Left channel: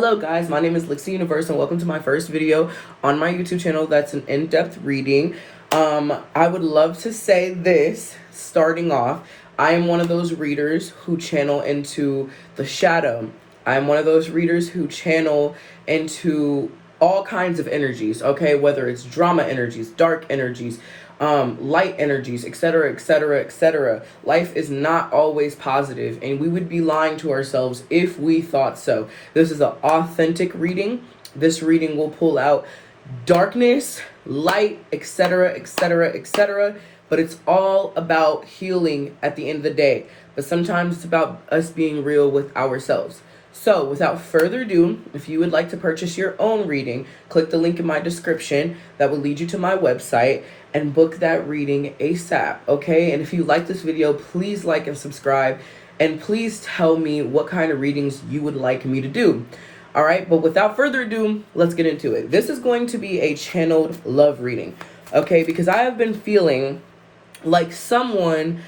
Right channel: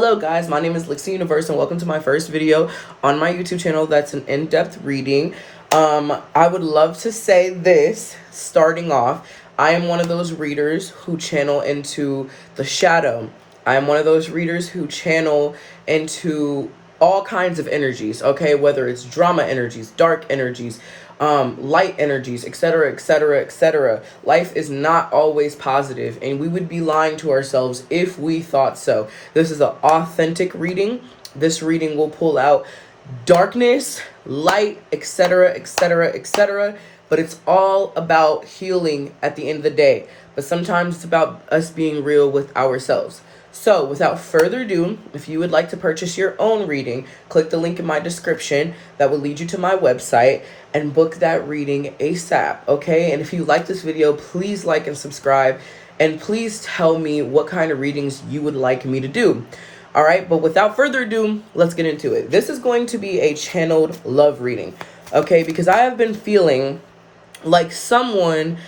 Hello guys, my name is Lixie Universe and welcome to my first video on my YouTube channel that's an in-depth reading. I would love to say this starting off. I am one of those readers who channel into the shadow. I am one of those readers who channel into all kinds of energies, okay? Whether it's drama energies, dark energies, light energies, etc., etc., etc. Life is not always positive, and we would be lying to ourselves if we thought so. This is an authentic reading. This reading will pull out darkness, light, etc., etc., etc. But it's all about healing at the end of the day. But sometimes it's about us being real with ourselves. So without further ado, if you would like to purchase your own reading, click the link in my description that will lead you to my website and book that reading ASAP, okay? And if you like this video, please like and subscribe, and please tell me what kind of readings you would like me to do. All right, but without further ado, let's get into it. This is going to be a channeled love reading, okay? Because I have been feeling like someone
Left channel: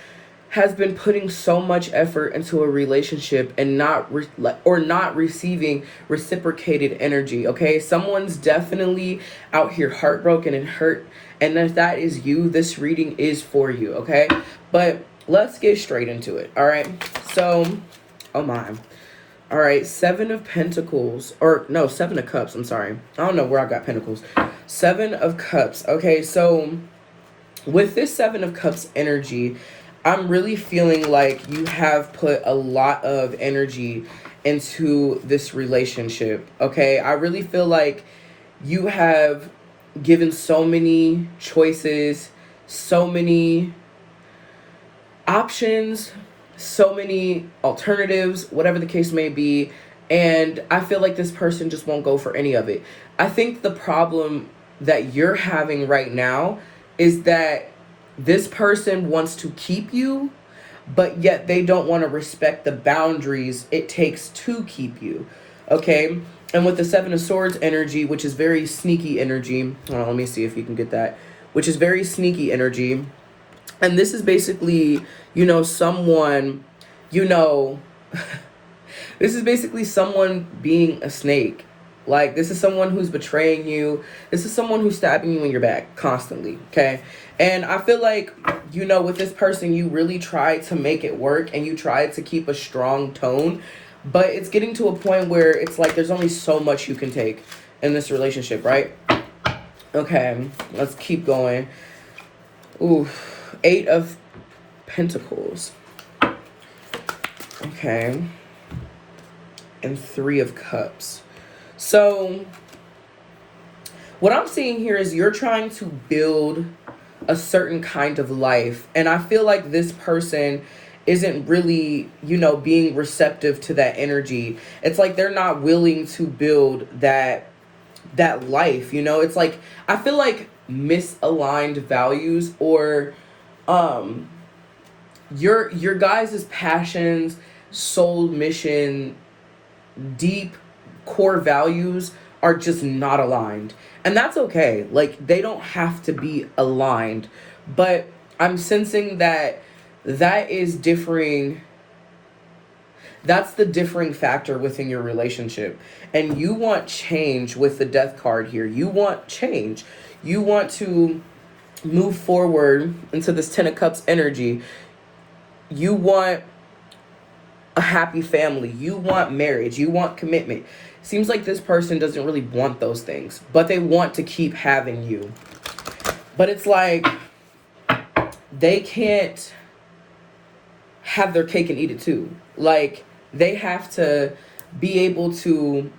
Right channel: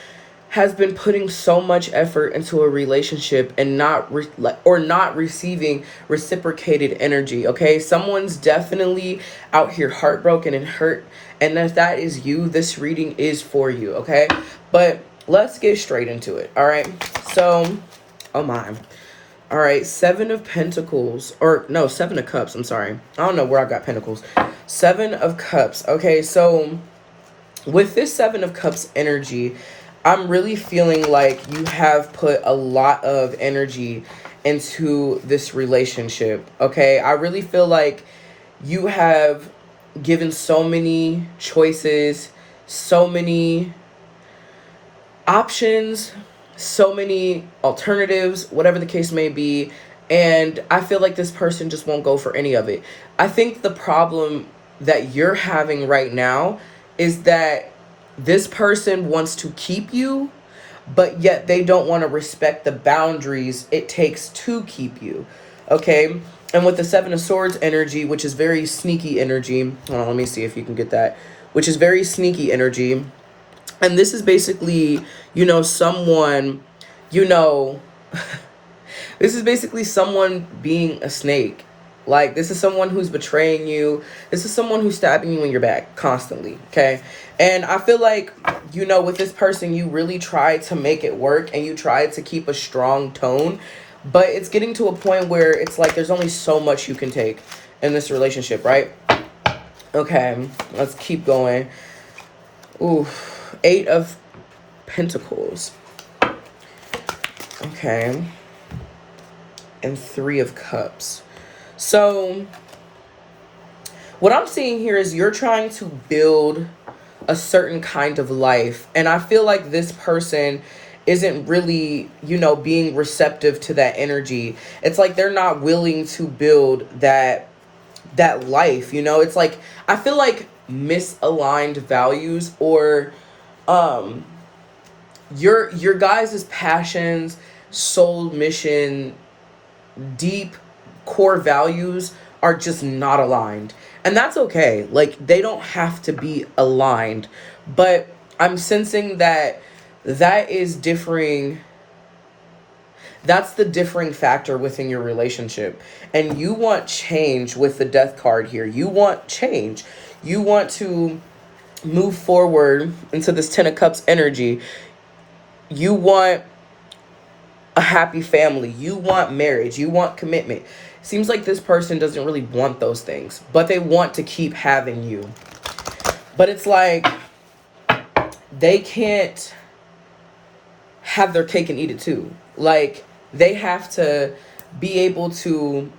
has been putting so much effort into a relationship and not receiving reciprocated energy, okay? Someone's definitely out here heartbroken and hurt, and if that is you, this reading is for you, okay? But let's get straight into it, all right? So, oh my. All right, Seven of Pentacles, or no, Seven of Cups, I'm sorry. I don't know where I got Pentacles. Seven of Cups, okay? So with this Seven of Cups energy, I'm really feeling like you have put a lot of energy into this relationship, okay? I really feel like you have given so many choices, so many options, so many alternatives, whatever the case may be, and I feel like this person just won't go for any of it. I think the problem that you're having right now is that this person wants to keep you, but yet they don't want to respect the boundaries it takes to keep you, okay? And with the Seven of Swords energy, which is very sneaky energy, hold on, let me see if you can get that, which is very sneaky energy, and this is basically, someone, this is basically someone being a snake. Like, this is someone who's betraying you. This is someone who's stabbing you in your back constantly, okay? And I feel like, with this person, you really try to make it work and you try to keep a strong tone. But it's getting to a point where it's like there's only so much you can take in this relationship, right? Okay, let's keep going. Ooh, Eight of Pentacles. Okay. And Three of Cups. So what I'm seeing here is you're trying to build a certain kind of life. And I feel like this person isn't really, being receptive to that energy. It's like they're not willing to build that life, It's like, I feel like misaligned values, or your guys' passions, soul mission, deep core values are just not aligned, and that's okay. Like, they don't have to be aligned, but I'm sensing that is differing. That's the differing factor within your relationship, and you want change. With the Death card here, you want change. You want to move forward into this Ten of Cups energy. You want a happy family. You want marriage. You want commitment. Seems like this person doesn't really want those things, but they want to keep having you. But it's like they can't have their cake and eat it too. Like, they have to be able to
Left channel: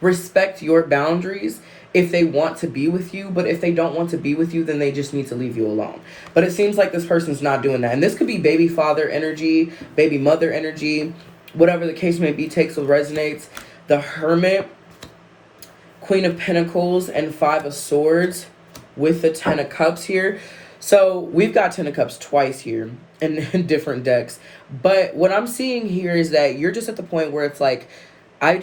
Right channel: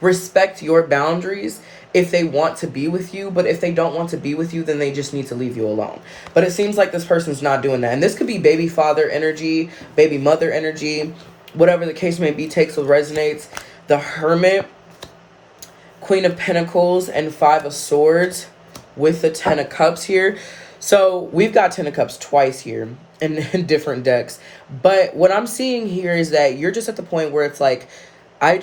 respect your boundaries if they want to be with you, but if they don't want to be with you, then they just need to leave you alone. But it seems like this person's not doing that. And this could be baby father energy, baby mother energy, whatever the case may be, takes what resonates. The Hermit, Queen of Pentacles, and Five of Swords with the Ten of Cups here. So we've got Ten of Cups twice here in different decks. But what I'm seeing here is that you're just at the point where it's like, I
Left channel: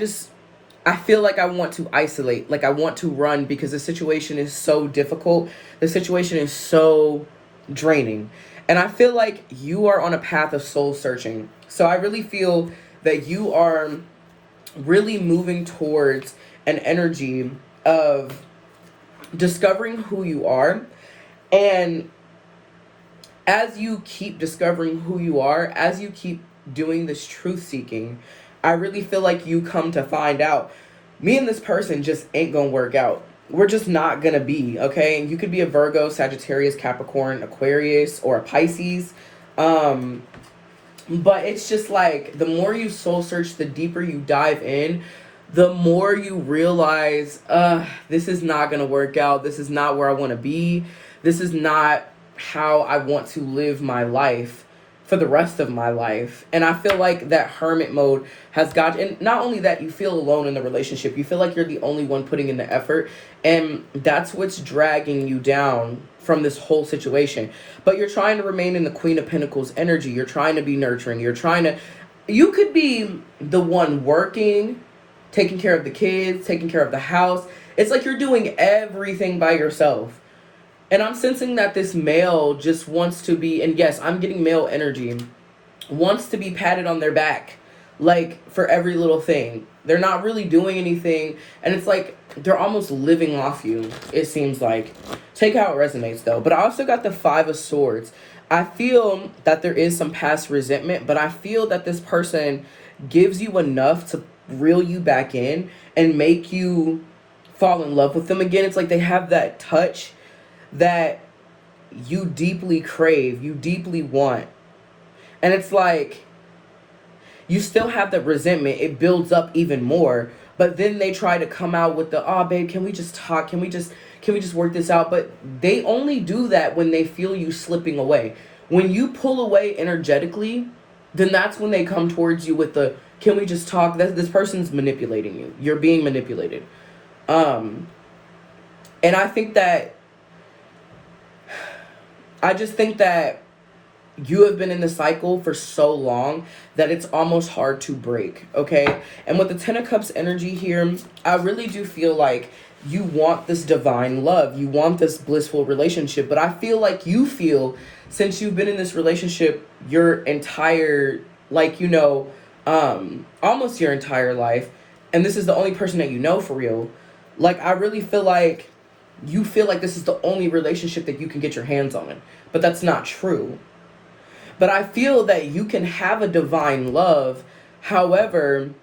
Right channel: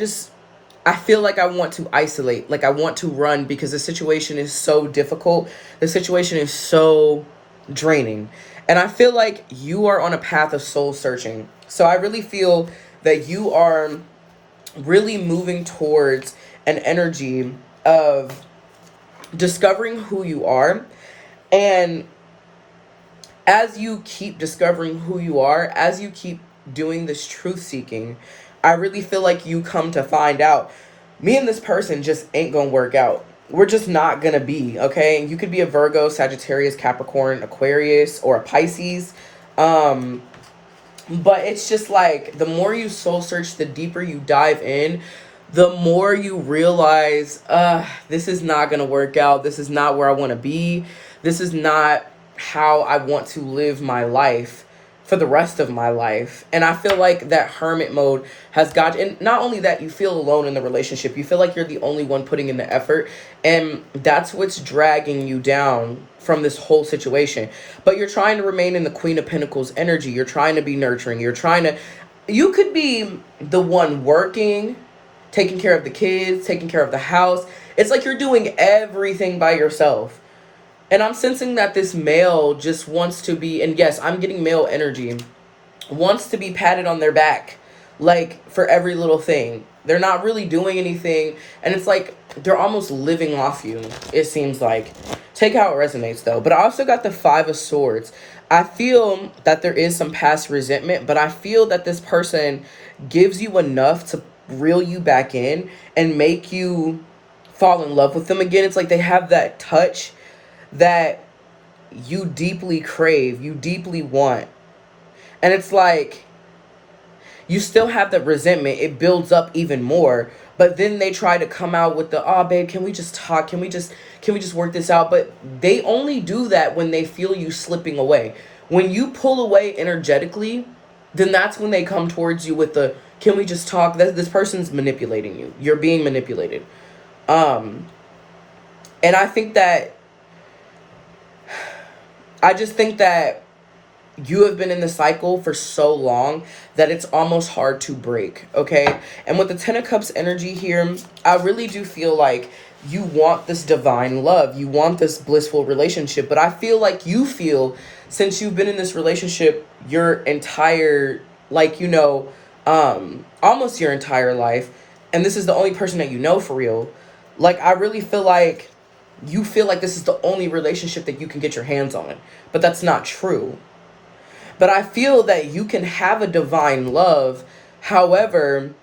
feel like I want to isolate, like I want to run, because the situation is so difficult. The situation is so draining. And I feel like you are on a path of soul searching. So I really feel that you are really moving towards an energy of discovering who you are. And as you keep discovering who you are, as you keep doing this truth seeking, I really feel like you come to find out me and this person just ain't gonna work out. We're just not gonna be, okay? You could be a Virgo, Sagittarius, Capricorn, Aquarius, or a Pisces. Um, but it's just like the more you soul search, the deeper you dive in, the more you realize, this is not gonna work out. This is not where I wanna be. This is not how I want to live my life for the rest of my life. And I feel like that hermit mode has got, and not only that, you feel alone in the relationship. You feel like you're the only one putting in the effort. And that's what's dragging you down from this whole situation. But you're trying to remain in the Queen of Pentacles energy. You're trying to be nurturing. You could be the one working, taking care of the kids, taking care of the house. It's like you're doing everything by yourself. And I'm sensing that this male just wants to be, and yes, I'm getting male energy, wants to be patted on their back, like for every little thing. They're not really doing anything, and it's like they're almost living off you, it seems like. Take how it resonates though. But I also got the Five of Swords. I feel that there is some past resentment, but I feel that this person gives you enough to reel you back in and make you fall in love with them again. It's like they have that touch that you deeply crave, you deeply want. And it's like you still have that resentment. It builds up even more. But then they try to come out with the, oh babe, can we just talk? Can we just work this out? But they only do that when they feel you slipping away. When you pull away energetically, then that's when they come towards you with the, can we just talk? This person's manipulating you. You're being manipulated. And I just think that you have been in the cycle for so long that it's almost hard to break, okay? And with the Ten of Cups energy here, I really do feel like you want this divine love. You want this blissful relationship. But I feel like you feel, since you've been in this relationship your entire, like, almost your entire life, and this is the only person that you know for real, like, I really feel like you feel like this is the only relationship that you can get your hands on. But that's not true. But I feel that you can have a divine love. However,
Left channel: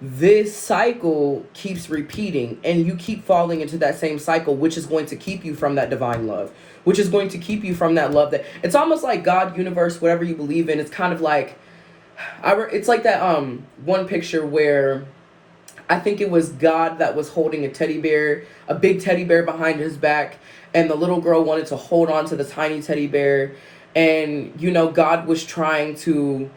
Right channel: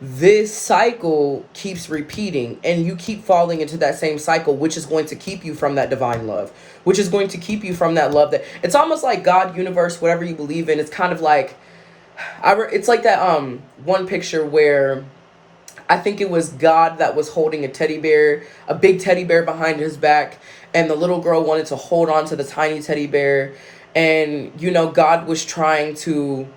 this cycle keeps repeating and you keep falling into that same cycle, which is going to keep you from that divine love, which is going to keep you from that love that it's almost like God, universe, whatever you believe in. It's kind of like, it's like that one picture where I think it was God that was holding a teddy bear, a big teddy bear behind his back, and the little girl wanted to hold on to the tiny teddy bear. And, God was trying to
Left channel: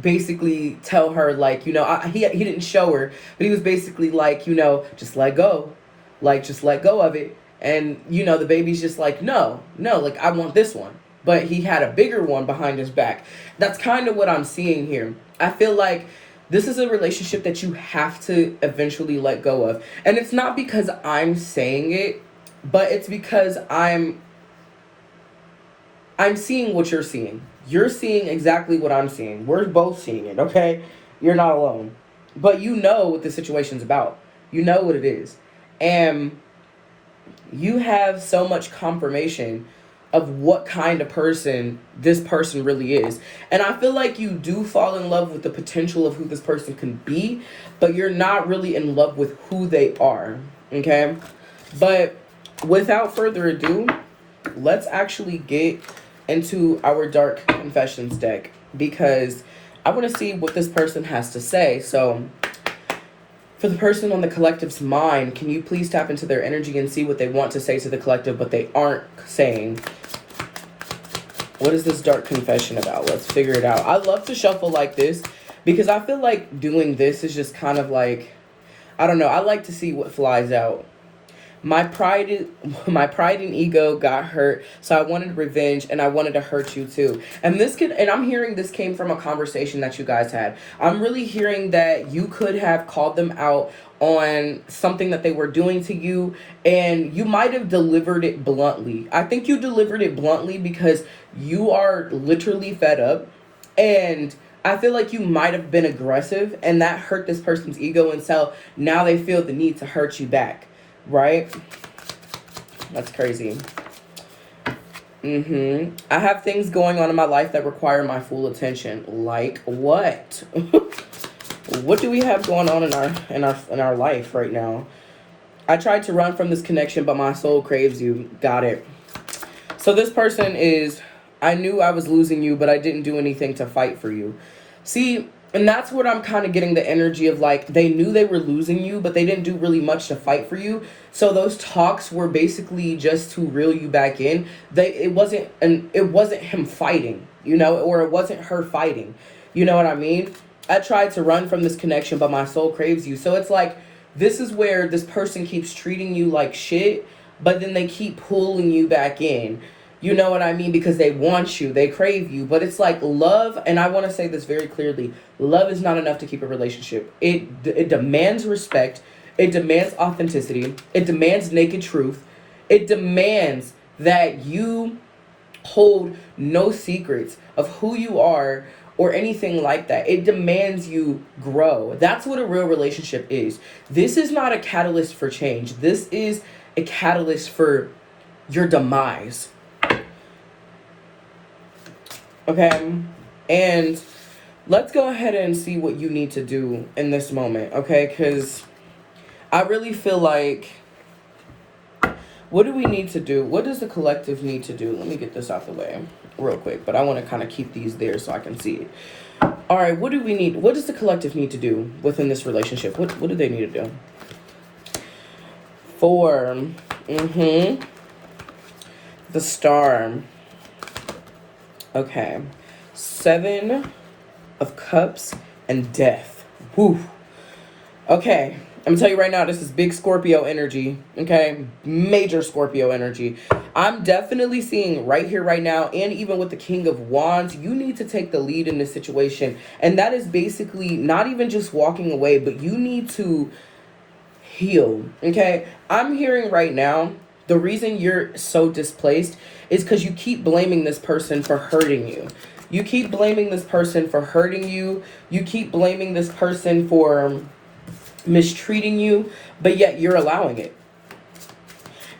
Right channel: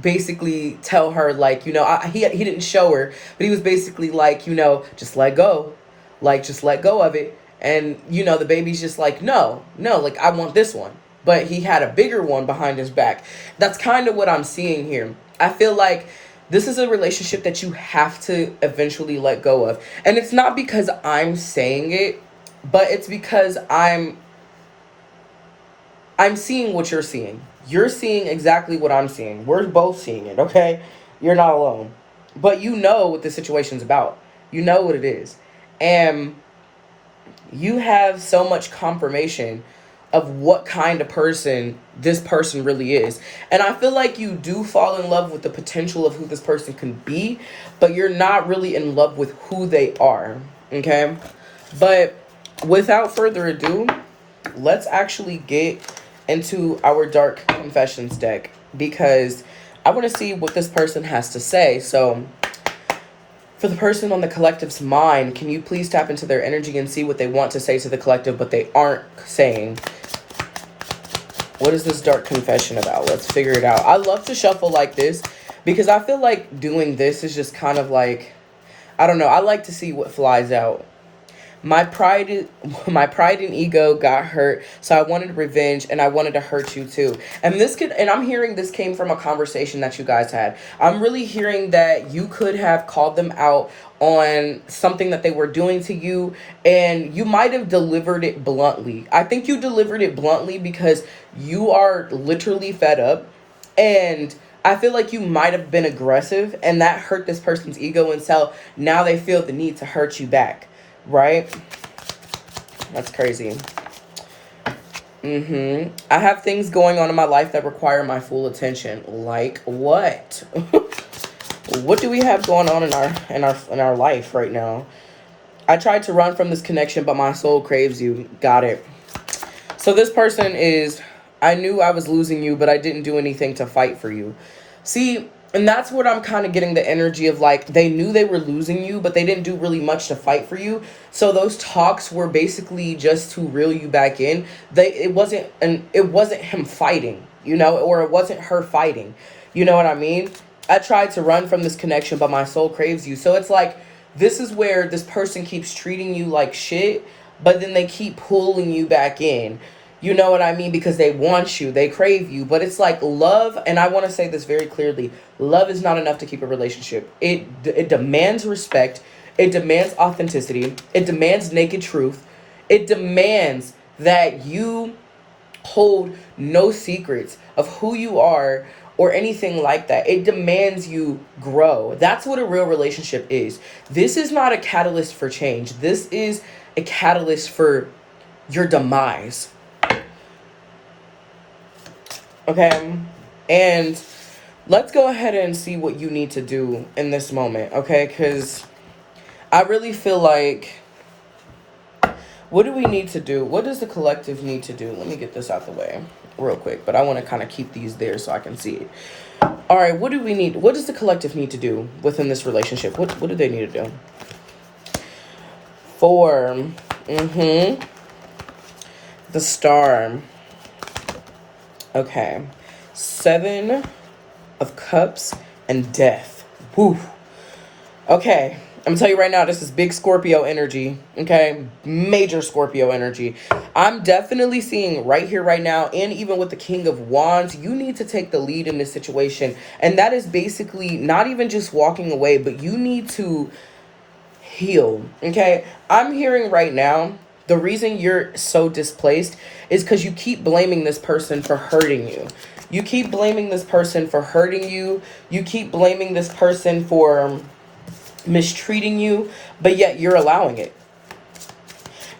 basically tell her, like, he didn't show her, but he was basically like, just let go. Like, just let go of it. And, the baby's just like, no, like, I want this one. But he had a bigger one behind his back. That's kind of what I'm seeing here. I feel like this is a relationship that you have to eventually let go of. And it's not because I'm saying it, but it's because I'm seeing what you're seeing. You're seeing exactly what I'm seeing. We're both seeing it, okay? You're not alone. But you know what the situation's about. You know what it is. And you have so much confirmation of what kind of person this person really is. And I feel like you do fall in love with the potential of who this person can be, but you're not really in love with who they are, okay? But without further ado, let's actually get into our Dark Confessions deck, because I want to see what this person has to say. So for the person on the collective's mind, can you please tap into their energy and see what they want to say to the collective, but they aren't saying? What is this dark confession about? Let's figure it out. I love to shuffle like this because I feel like doing this is just kind of like, I don't know. I like to see what flies out. My pride and ego got hurt, so I wanted revenge, and I wanted to hurt you too. And I'm hearing this came from a conversation that you guys had. I'm really hearing that you could have called them out on something that they were doing to you, and you might have delivered it bluntly. I think you delivered it bluntly because you are literally fed up, and I feel like you might have been aggressive and that hurt this person's ego, and so now they feel the need to hurt you back, right? That's crazy. I have things going on in my life that require my full attention. Like what? What do we have going on in our life right now? I tried to run from this connection, but my soul craves you. Got it. So this person is, I knew I was losing you, but I didn't do anything to fight for you. See, and that's what I'm kind of getting the energy of, like, they knew they were losing you, but they didn't do really much to fight for you. So those talks were basically just to reel you back in. It wasn't him fighting, you know, or it wasn't her fighting. You know what I mean? I tried to run from this connection, but my soul craves you. So it's like, this is where this person keeps treating you like shit, but then they keep pulling you back in. You know what I mean? Because they want you, they crave you. But it's like love, and I want to say this very clearly, love is not enough to keep a relationship. It demands respect. It demands authenticity. It demands naked truth. It demands that you hold no secrets of who you are or anything like that. It demands you grow. That's what a real relationship is. This is not a catalyst for change. This is a catalyst for your demise. Okay? And let's go ahead and see what you need to do in this moment, okay? Because I really feel like, what do we need to do? What does the collective need to do? Let me get this out the way real quick, but I want to kind of keep these there so I can see it. All right, what do we need? What does the collective need to do within this relationship? What do they need to do? 4. The Star. Okay. 7 of Cups and Death. Whew. Okay. I'm gonna tell you right now, this is big Scorpio energy, okay? Major Scorpio energy. I'm definitely seeing right here, right now, and even with the King of Wands, you need to take the lead in this situation. And that is basically not even just walking away, but you need to heal, okay? I'm hearing right now, the reason you're so displaced is because you keep blaming this person for hurting you. You keep blaming this person for hurting you. You keep blaming this person for mistreating you, but yet you're allowing it.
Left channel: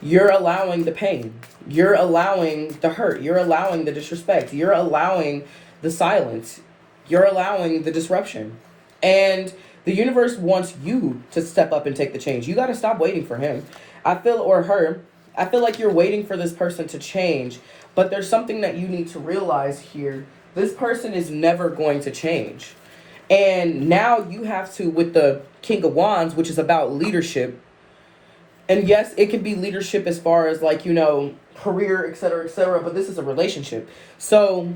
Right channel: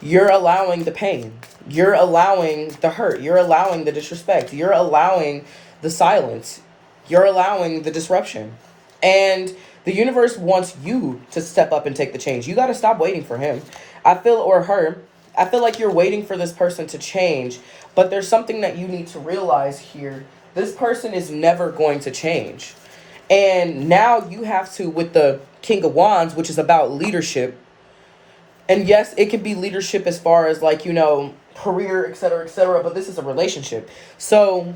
You're allowing the pain. You're allowing the hurt. You're allowing the disrespect. You're allowing the silence. You're allowing the disruption. And the universe wants you to step up and take the change. You got to stop waiting for him. I feel like you're waiting for this person to change, but there's something that you need to realize here. This person is never going to change. And now you have to, with the King of Wands, which is about leadership. And yes, it can be leadership as far as, like, you know, career, etc., but this is a relationship. So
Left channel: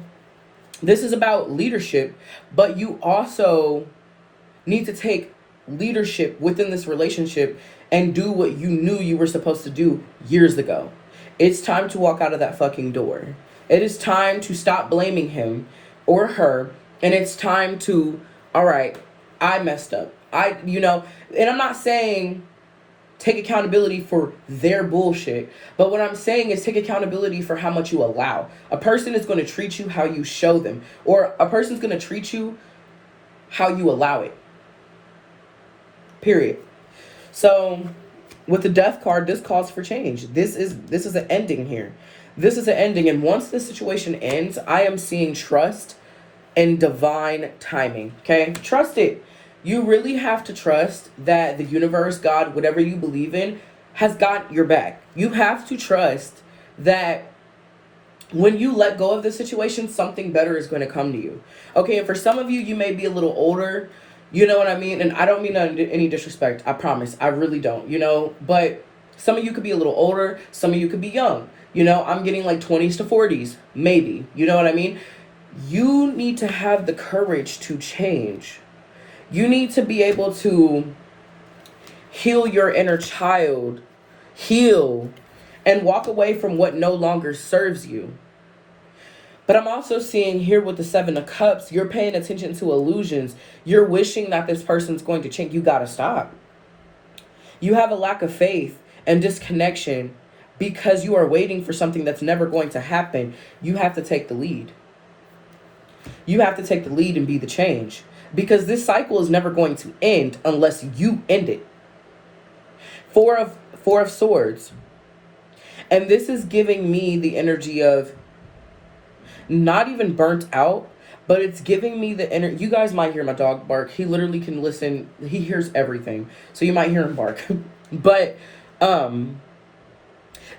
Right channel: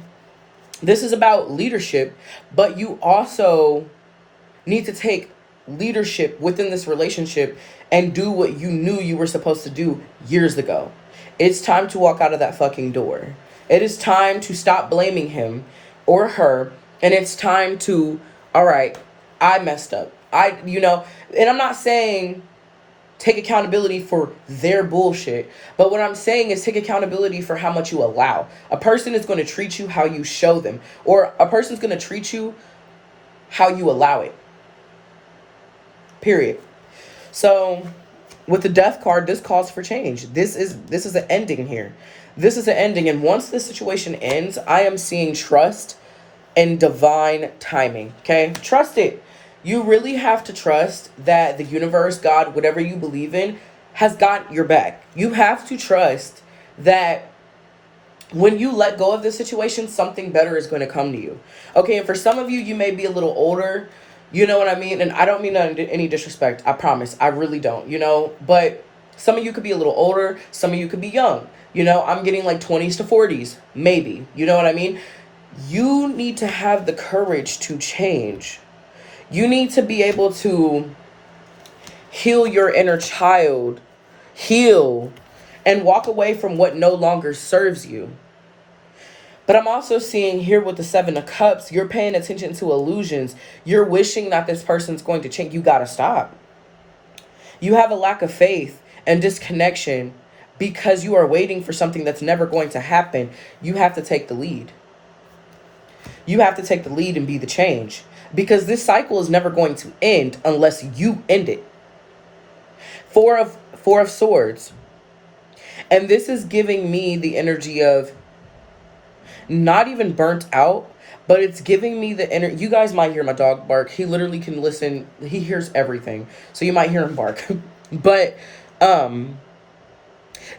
this is about leadership, but you also need to take leadership within this relationship and do what you knew you were supposed to do years ago. It's time to walk out of that fucking door. It is time to stop blaming him or her, and it's time to, all right, I messed up. And I'm not saying take accountability for their bullshit, but what I'm saying is take accountability for how much you allow. A person is going to treat you how you show them, or a person's going to treat you how you allow it. Period. So with the Death card, this calls for change. This is an ending here. This is an ending, and once this situation ends, I am seeing trust and divine timing, okay? Trust it. You really have to trust that the universe, God, whatever you believe in, has got your back. You have to trust that when you let go of the situation, something better is going to come to you. Okay, and for some of you, you may be a little older, you know what I mean? And I don't mean any disrespect, I promise. I really don't, you know? But some of you could be a little older, some of you could be young. You know, I'm getting like 20s to 40s, maybe. You know what I mean? You need to have the courage to change. You need to be able to heal your inner child, heal, and walk away from what no longer serves you. But I'm also seeing here with the 7 of Cups, you're paying attention to illusions. You're wishing that this person's going to change. You gotta stop. You have a lack of faith and disconnection because you are waiting for something that's never going to happen. You have to take the lead. You have to take the lead and be the change. Because this cycle is never going to end unless you end it. Four of Swords. And this is giving me the energy of not even burnt out, but it's giving me the energy. You guys might hear my dog bark. He literally can listen. He hears everything. So you might hear him bark. But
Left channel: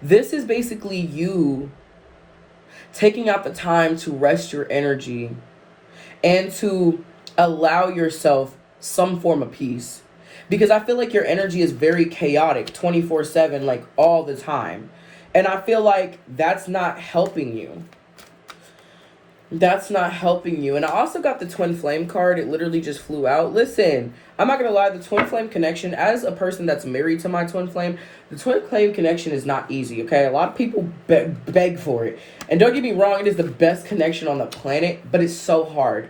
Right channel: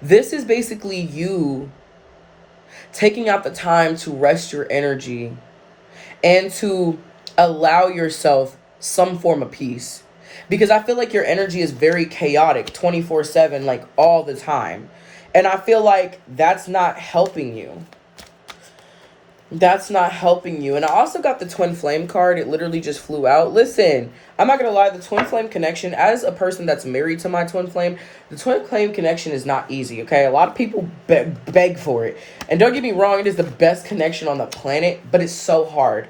this is basically you taking out the time to rest your energy and to allow yourself some form of peace. Because I feel like your energy is very chaotic 24/7, like all the time. And I feel like that's not helping you. That's not helping you. And I also got the twin flame card. It literally just flew out. Listen, I'm not going to lie. The twin flame connection, as a person that's married to my twin flame, the twin flame connection is not easy, okay? A lot of people beg for it. And don't get me wrong, it is the best connection on the planet, but it's so hard.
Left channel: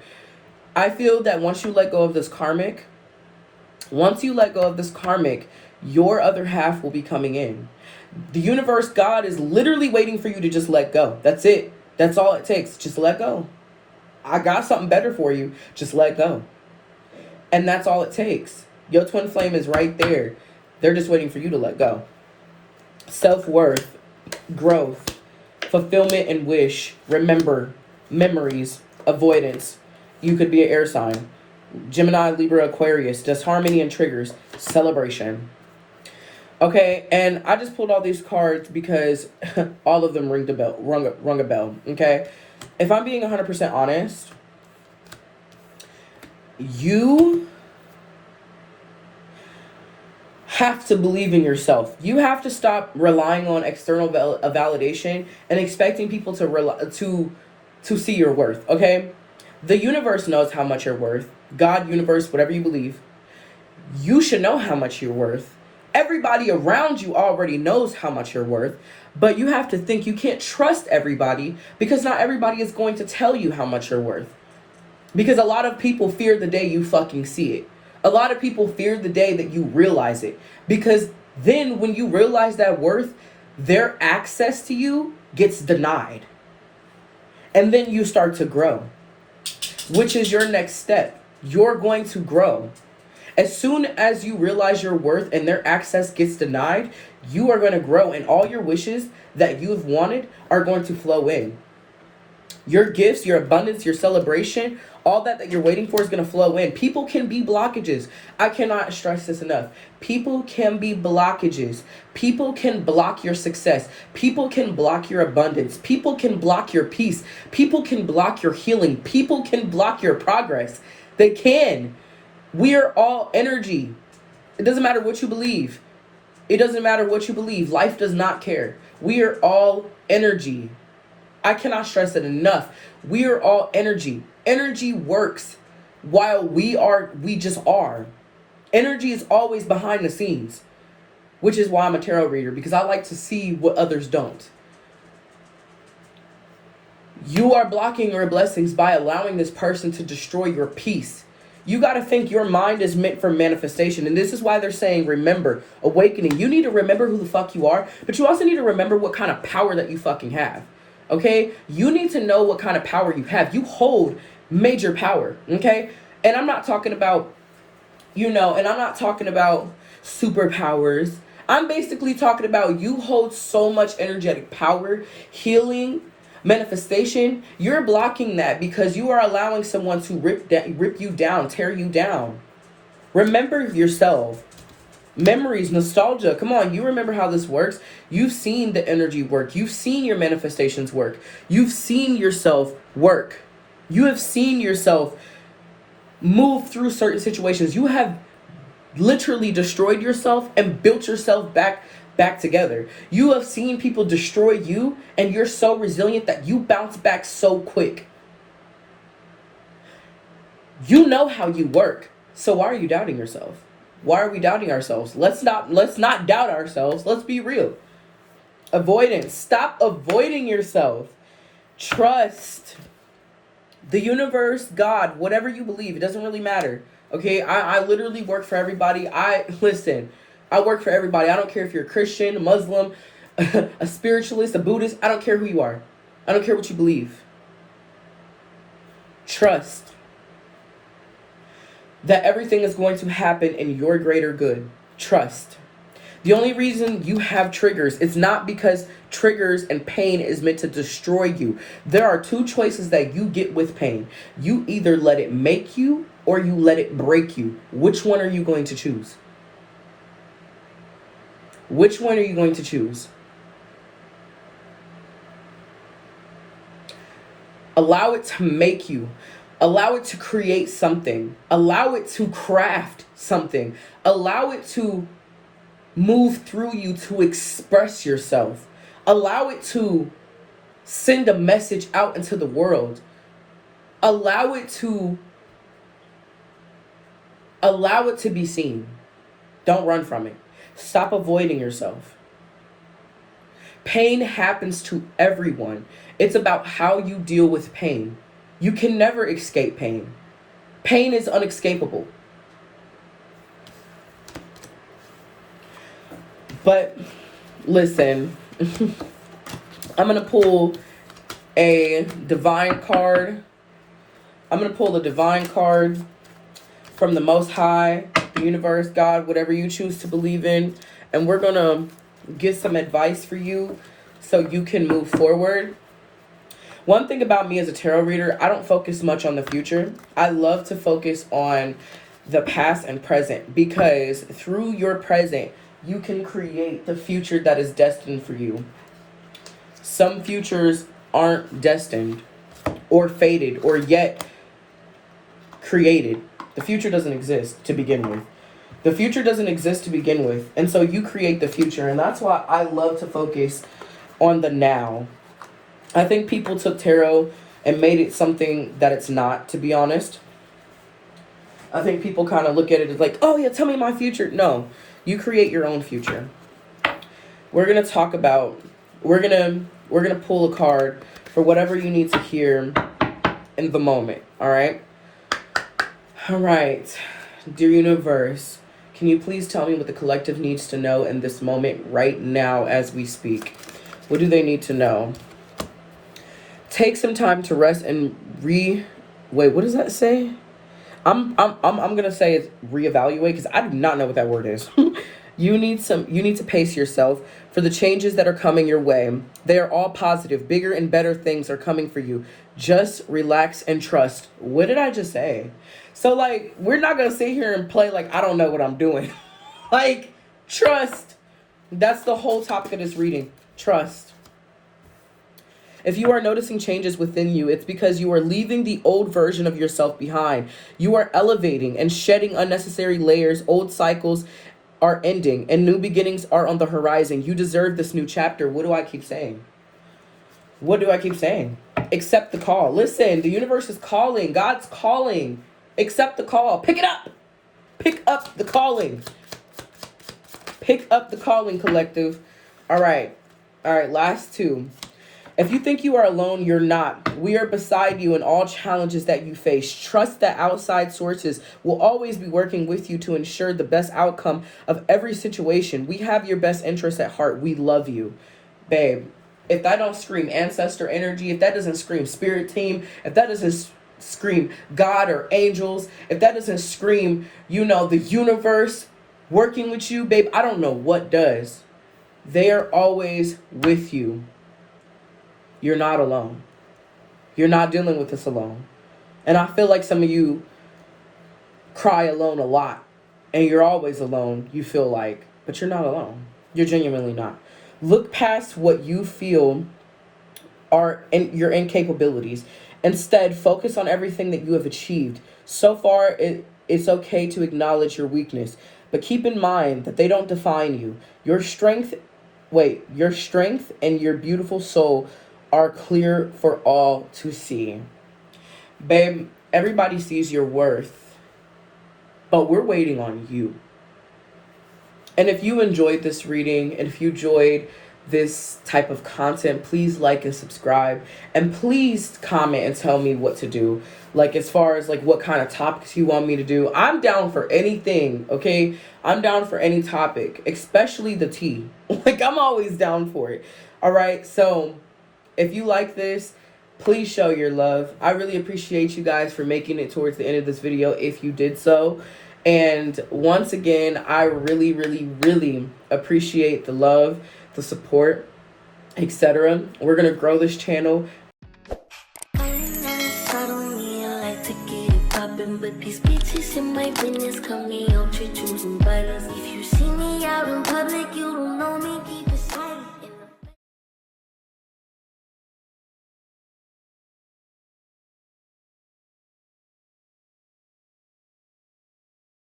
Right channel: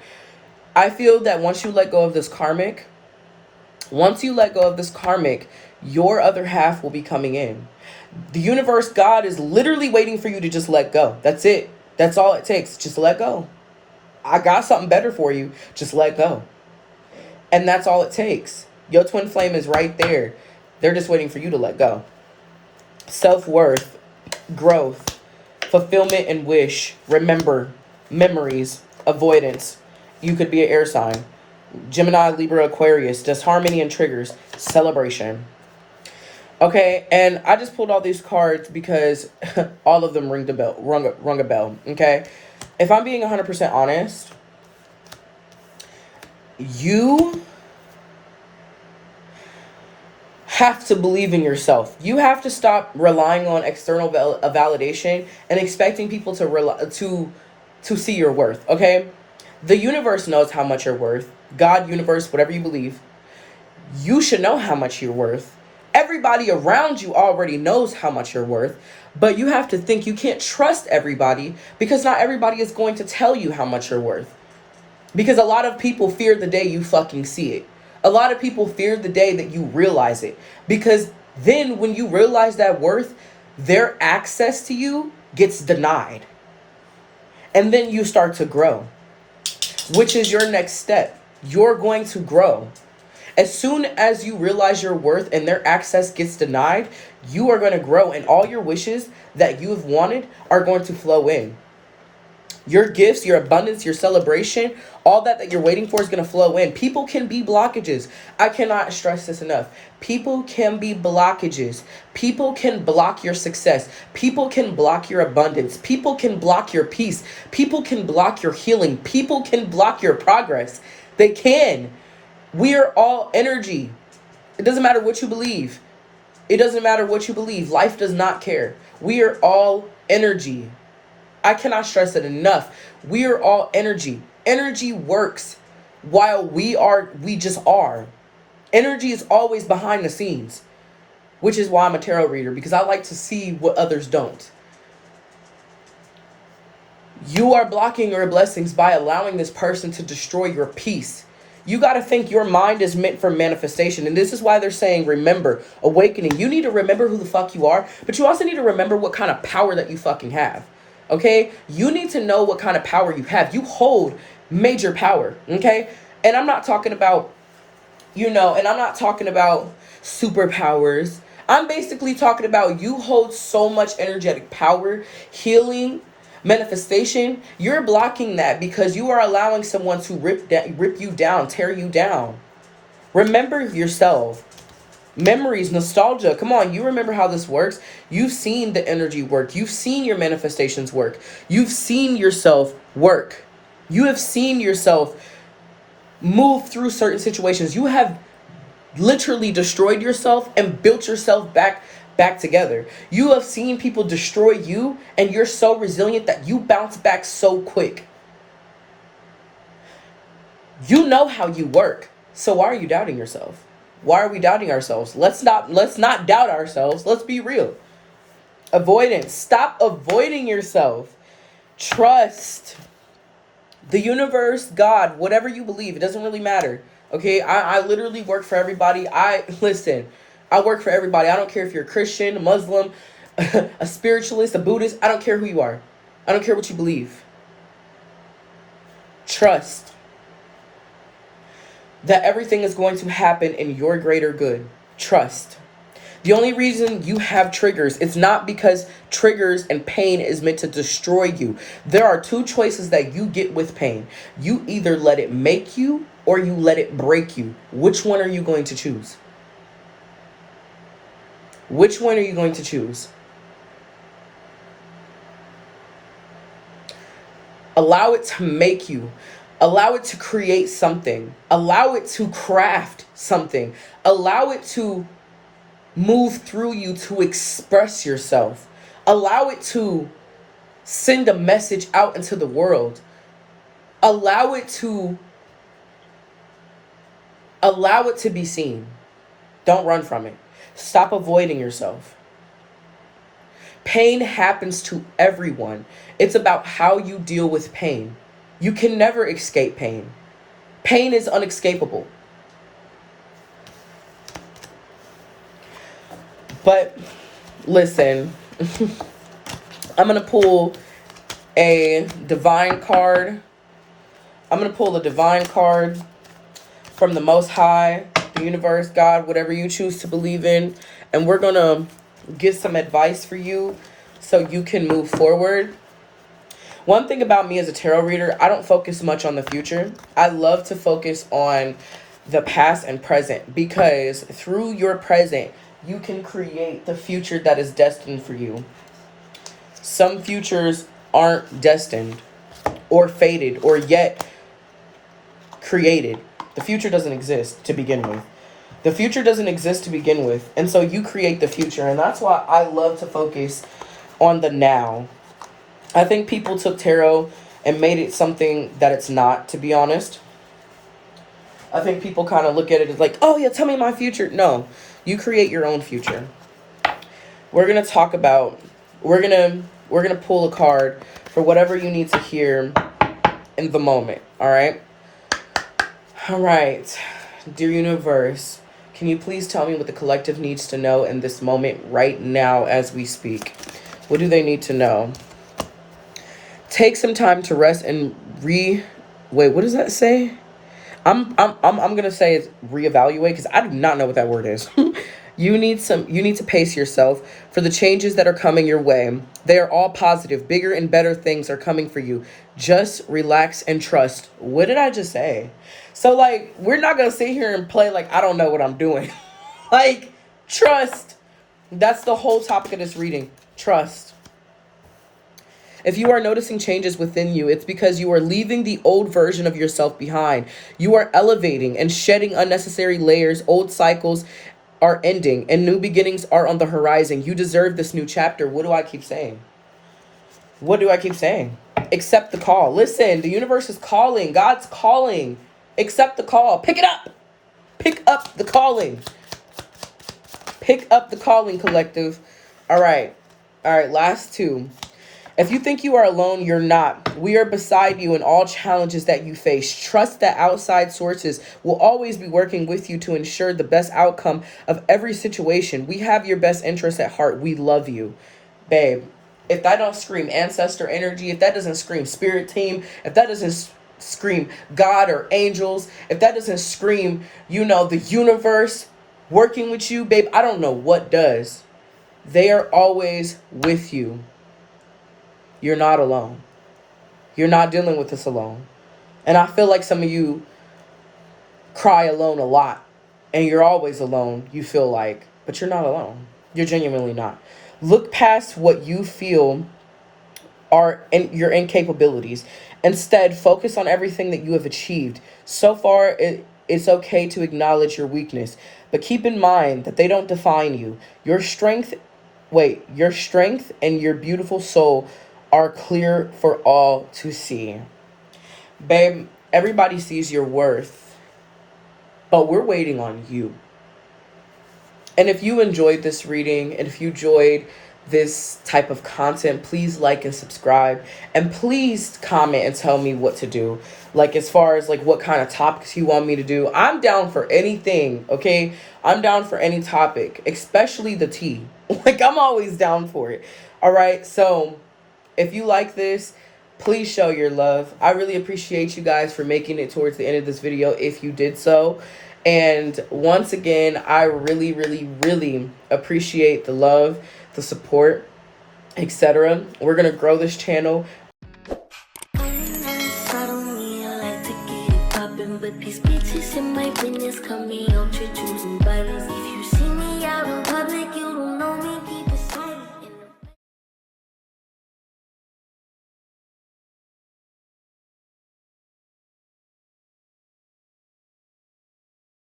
I feel that once you let go of this karmic, your other half will be coming in. The universe, God, is literally waiting for you to just let go. That's it. That's all it takes. Just let go. I got something better for you. Just let go. And that's all it takes. Your twin flame is right there. They're just waiting for you to let go. Self-worth, growth, fulfillment and wish, remember, memories, avoidance. You could be an air sign. Gemini, Libra, Aquarius, disharmony and triggers, celebration. Okay, and I just pulled all these cards because all of them rung a bell, okay? If I'm being 100% honest, you have to believe in yourself. You have to stop relying on external validation and expecting people to see your worth, okay? The universe knows how much you're worth. God, universe, whatever you believe. You should know how much you're worth. Everybody around you already knows how much you're worth, but you have to think you can't trust everybody because not everybody is going to tell you how much you're worth. Because a lot of people fear the day you fucking see it. A lot of people fear the day that you realize it. Because then when you realize that worth, their access to you gets denied. And then you start to grow, which is your next step. You're going to grow. As soon as you realize your worth and their access gets denied, you are going to grow and all your wishes that you have wanted are going to flow in. Your gifts, your abundance, your celebration, all that you're waiting for is going to flow in. People can be blockages. I cannot stress this enough. People can be blockages. People can block your success. People can block your abundance. People can block your peace. People can block your healing. People can block your progress. They can. We are all energy. It doesn't matter what you believe. It doesn't matter what you believe. Life does not care. We are all energy. I cannot stress it enough. We are all energy. Energy works while we just are. Energy is always behind the scenes, which is why I'm a tarot reader, because I like to see what others don't. You are blocking your blessings by allowing this person to destroy your peace. You got to think your mind is meant for manifestation. And this is why they're saying, remember, awakening. You need to remember who the fuck you are, but you also need to remember what kind of power that you fucking have. Okay? You need to know what kind of power you have. You hold major power. Okay? And I'm not talking about, and I'm not talking about superpowers. I'm basically talking about you hold so much energetic power, healing, manifestation. You're blocking that because you are allowing someone to rip you down, tear you down. Remember yourself. Memories, nostalgia. Come on, you remember how this works. You've seen the energy work. You've seen your manifestations work. You've seen yourself work. You have seen yourself move through certain situations. You have literally destroyed yourself and built yourself back together. You have seen people destroy you, and you're so resilient that you bounce back so quick. You know how you work. So why are you doubting yourself? Why are we doubting ourselves? Let's not doubt ourselves. Let's be real. Avoidance. Stop avoiding yourself. Trust the universe, God, whatever you believe. It doesn't really matter. Okay? I literally work for everybody. I work for everybody. I don't care if you're a Christian, a Muslim, a spiritualist, a Buddhist. I don't care who you are. I don't care what you believe. Trust that everything is going to happen in your greater good. Trust. The only reason you have triggers is not because triggers and pain is meant to destroy you. There are two choices that you get with pain. You either let it make you or you let it break you. Which one are you going to choose? Which one are you going to choose? Allow it to make you. Allow it to create something. Allow it to craft something. Allow it to move through you to express yourself. Allow it to send a message out into the world. Allow it to be seen. Don't run from it. Stop avoiding yourself. Pain happens to everyone. It's about how you deal with pain. You can never escape pain. Pain is unescapable. But listen, I'm going to pull a divine card. I'm going to pull the divine card from the Most High, the universe, God, whatever you choose to believe in. And we're going to get some advice for you so you can move forward. One thing about me as a tarot reader, I don't focus much on the future. I love to focus on the past and present, because through your present, you can create the future that is destined for you. Some futures aren't destined or fated or yet created. The future doesn't exist to begin with. The future doesn't exist to begin with. And so you create the future. And that's why I love to focus on the now. I think people took tarot and made it something that it's not, to be honest. I think people kind of look at it as like, oh yeah, tell me my future. No, you create your own future. We're going to talk about, we're going to pull a card for whatever you need to hear in the moment. All right. All right. Dear universe, can you please tell me what the collective needs to know in this moment right now as we speak? What do they need to know? Take some time to rest and wait, what does that say? I'm gonna say it's reevaluate, because I do not know what that word is. You need to pace yourself for the changes that are coming your way. They are all positive. Bigger and better things are coming for you. Just relax and trust. What did I just say? So like, we're not gonna sit here and play like I don't know what I'm doing. Like, trust. That's the whole topic of this reading. Trust. If you are noticing changes within you, it's because you are leaving the old version of yourself behind. You are elevating and shedding unnecessary layers. Old cycles are ending and new beginnings are on the horizon. You deserve this new chapter. What do I keep saying? What do I keep saying? Accept the call. Listen, the universe is calling. God's calling. Accept the call. Pick it up. Pick up the calling. Pick up the calling, collective. All right. All right, last two. If you think you are alone, you're not. We are beside you in all challenges that you face. Trust that outside sources will always be working with you to ensure the best outcome of every situation. We have your best interests at heart. We love you. Babe, if that don't scream ancestor energy, if that doesn't scream spirit team, if that doesn't scream God or angels, if that doesn't scream, the universe working with you, babe, I don't know what does. They are always with you. You're not alone. You're not dealing with this alone. And I feel like some of you cry alone a lot, and you're always alone, you feel like, but you're not alone. You're genuinely not. Look past what you feel are your incapabilities. Instead, focus on everything that you have achieved. So far, it's okay to acknowledge your weakness, but keep in mind that they don't define you. Your strength and your beautiful soul are clear for all to see. Babe, everybody sees your worth, but we're waiting on you. And if you enjoyed this reading, and if you enjoyed this type of content, please like and subscribe, and please comment and tell me what to do. Like, as far as like what kind of topics you want me to do, I'm down for anything. Okay, I'm down for any topic, especially the tea. Like, I'm always down for it. All right, so if you like this, please show your love. I really appreciate you guys for making it towards the end of this video if you did so. And once again, I really, really, really appreciate the love, the support, etc. We're going to grow this channel. But these bitches in my business, call me ultra choosing violence. If you see me out in public, you don't know me.